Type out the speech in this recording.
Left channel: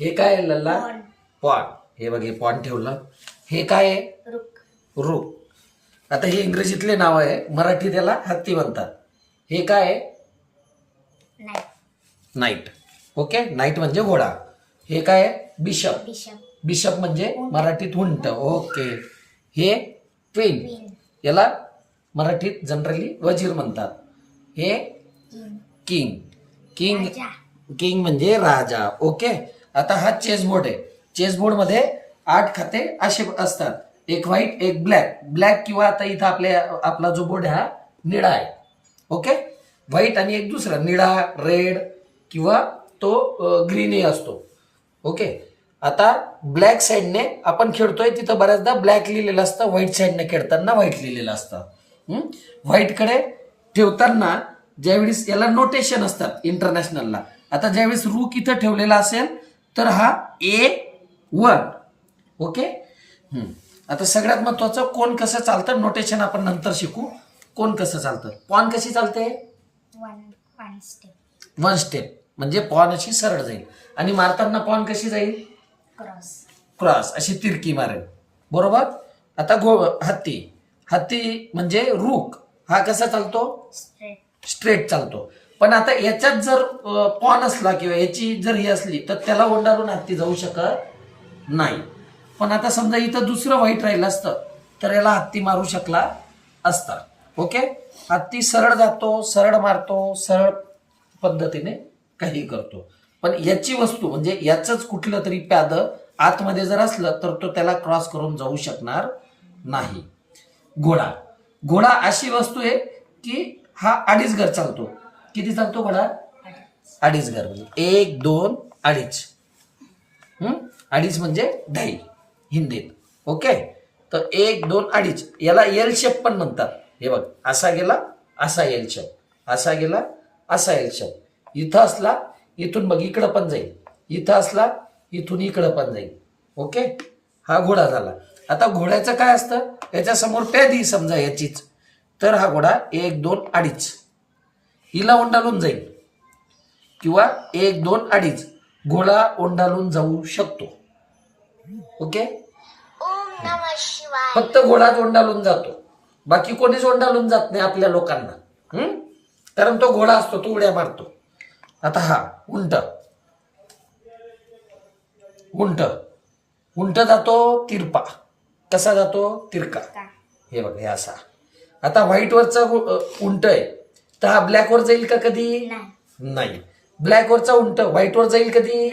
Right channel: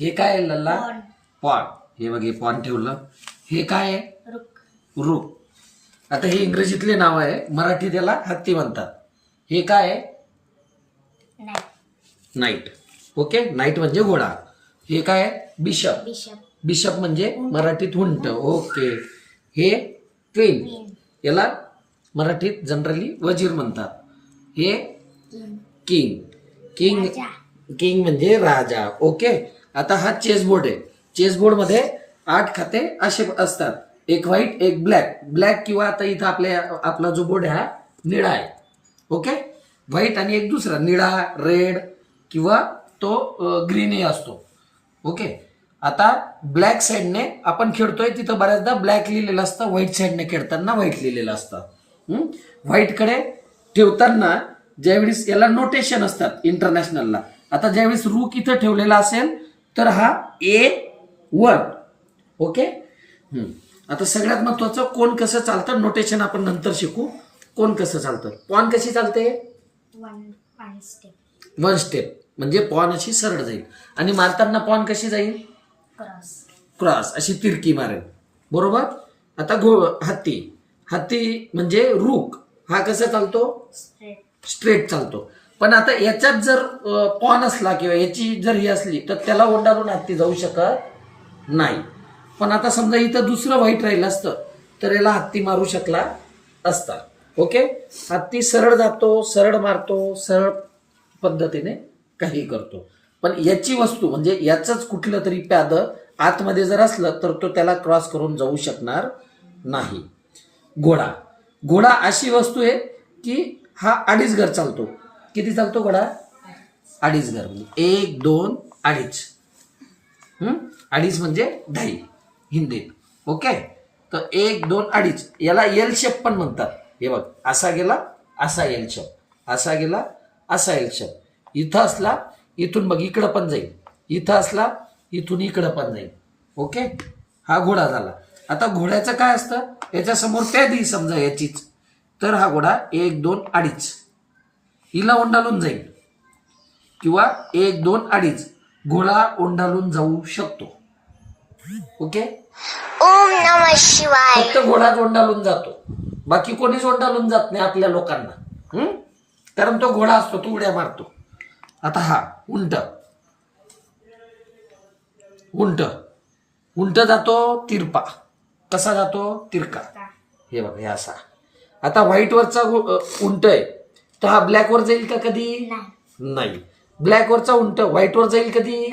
हे काय आहे लल्ला? पॉन पॉन हे बघ हे पॉन ठेवलं. हे काय आहे? रुक रुक आता हे इंग्रजीतले नाव आहे मराठी त्याला हत्ती म्हणतात. हे काय आहे? नाही नाईट ओके नाईट म्हणजे घोडा. हे काय आहे? बिशप बिशप बिशप म्हणजे मराठीत उंट. ओके हे क्वीन क्वीन याला मराठीत जनरली वजीर म्हणतात. हे किंग किंग किंग राजा किंग म्हणजे राजा. ओके आता हा चेसबोर्ड आहे. चेसबोर्डमध्ये मध्ये आठ खाते असे असतात. एक व्हाईट एक ब्लॅक ब्लॅक किंवा आता इथं आपल्या आपला जो बोर्ड आहे हा निळा आहे. ओके व्हाईट आणि एक दुसरा निळा रेड किंवा तो ग्रीनही असतो. ओके आता ब्लॅक साईडने आपण खेळतोय तिथं बऱ्याचदा ब्लॅक लिहिलेलं असतं व्हाईट साईडने खेळताना व्हाईट लिहिलेलं असतं. व्हाईटकडे ठेवताना ज्यावेळेस याला नोटेशन असतात इंटरनॅशनलला आता ज्यावेळेस रूक इथं ठेवलेला असेल तर हा ए वन. ओके. आता सगळ्यात महत्वाचं कोण कसं चालतं? नोटेशन आपण नंतर शिकू. कोण कसं चालतं? पॉन कशी चालते? One one step one step म्हणजे पॉन अशी सरळ जाईल. आणि मारताना पॉन कशी जाईल? क्रॉस क्रॉस अशी तिरकी मारेल. बरोबर? आता घो हत्ती. हत्ती म्हणजे रूक हा कसा चालतो? स्ट्रेट स्ट्रेट चालतो. पण आता याच्यात जर पॉन असला किंवा याची जर ही असली तर त्याला ओंडाळून हत्ती जाऊ शकत नाही. पण आता समजा इथं दुसरं व्हाईट राहिलं असतं तर याला हत्ती मारू शकला असता. ओके? हत्ती सरळ जातो सरळ मारतो सरळ पद्धतीने काही करतो. पण याची वस्तू म्हणजे याचंच कुठलं तरी प्याद आतमध्ये जर असलं तर तो त्याला क्रॉस करून जाऊ शकणार नाही. घोडा. घोडा अशी वस्तू आहे की हा अडीच घर चालतो. किती सांगतो घोडा अडीच घर. म्हणजे एक दोन अडीच. अडीच म्हणजे ढाई हिंदीत. ओके? तर एक दोन अडीच. याला एल शेप पण म्हणतात. हे बघ असा गेला असा एल शेप असा गेला असा एल शेप इथं असला इथून बघ इकडं पण जाईल. इथं असला इथून इकडं पण जाईल. ओके? हा घोडा झाला. आता घोड्याचं काय असतं? याच्यासमोर समोर समजा याचीच. तर हा घोडा एक दोन अडीच. हिला ओंडाळून जाईल. किंवा एक दोन अडीच घोडा ओंडाळून जाऊ शकतो. ओके? ओम नमः शिवाय. फक्त घोडा ओंडाळून जातो. बाकी कोणीच ओंडाळून जात नाही आपल्या लोकांना. हम्म? कारण तो घोडा असतो तो उड्या मारतो. आता हा उंट. उंट. उंट जातो तिरपा. कसा जातो? तिरका. हे बघ हे असा. आता व्हाईट वरचा उंट आहे. तर हा ब्लॅक वर जाईल का कधी? नाही. नाही. ब्लॅक वरचा उंट व्हाईट वर जाईल कधी?